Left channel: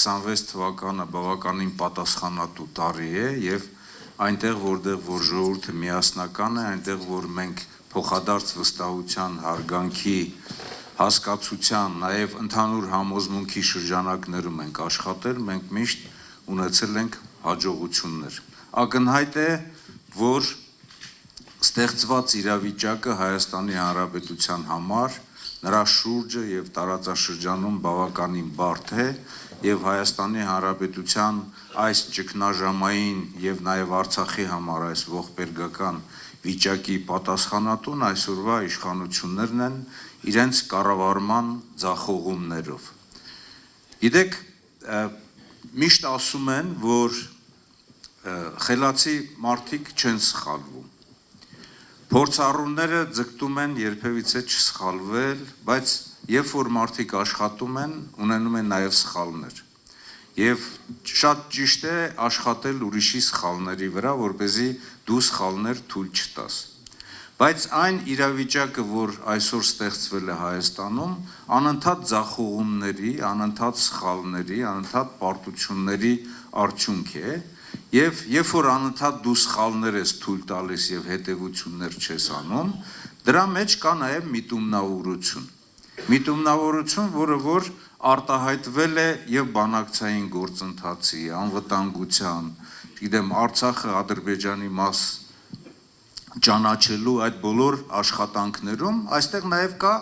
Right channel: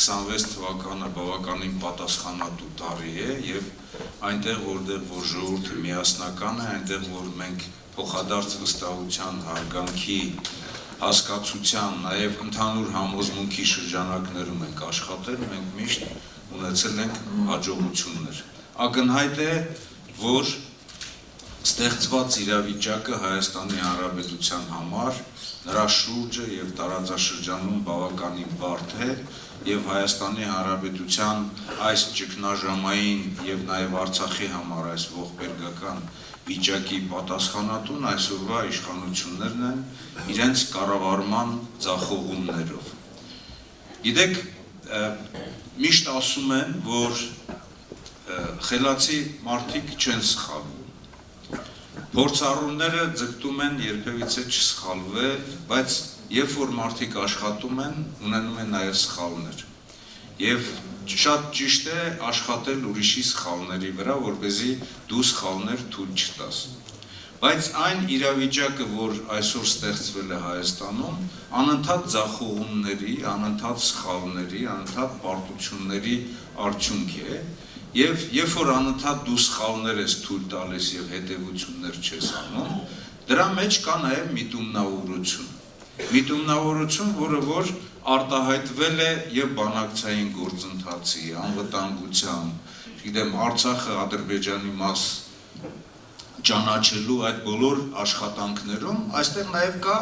26 թվականը բավականին պատասխանատու տարի է եւ այնտեղ որտեղ որ ժողովուրդը միասնական է, այնտեղ որ մենք փոխադարձ վստահության, հարգանքի, հասկացության, նաեւ ընդհանուր համոզմունքի շրջանակներում ենք աշխատել, մենք միշտ ունեցել ենք հաջողություններ։ Ակնհայտ է, որ ստեղծված իրավիճակը Հայաստանի Հանրապետության համար նրա շուրջը եւ տարածաշրջանում բավականին բարդ է եւ Հայաստանի Հանրապետության այս ճգնաժամային եւ նաեւ Արցախի համար այս ողբերգական վիճակի պատասխանատուն այսօրվա իշխանություններն են իրենց կառավարման ձախողումներով։ Գիտեք, միշտ ասում են, որ խելացի մարդիկ չեն սխալվում։ Փորձառուները ձգտում են երբևիցե չսխալվել, բայց երբ որ մարդիկ աշխատում են, ունենում են նաև սխալներ։ Եվ շատ ճիշտ է աշխատել ուրիշի սխալների վրա, որպեսզի դու սխալներ թույլ չտաս։ Բայց այն իրավիճակը, որ այսօր ստեղծվել է Հայաստանում, անընդհատ ձախողումների, անընդհատ սխալների, անընդհատ պարտությունների արդյունք է, եւ երբ որ անընդհատ դու սխալներ ես թույլ տալիս եւ հետեւություններ չես անում, դրա մեջ կա նաեւ միտումնավորություն։ Միտումնավորություն, որը որ արտահայտվել է եւ բանակցային գործընթացի, անվտանգության, գիտեմ, Արցախը Ադրբեջանի մաս ճանաչելու այդ բոլոր աշխատանքներում, այստեղ նաեւ կա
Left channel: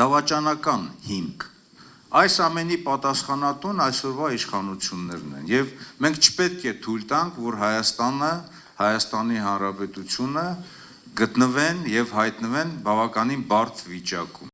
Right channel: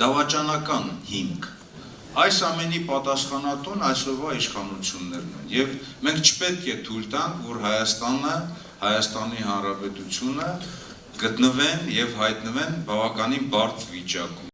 դավաճանական հիմք։ Այս ամենի պատասխանատուն այսօրվա իշխանություններն են եւ մենք չպետք է թույլ տանք, որ Հայաստանը, Հայաստանի Հանրապետությունը գտնվեն եւ հայտնվեն բավականին բարդ վիճակում։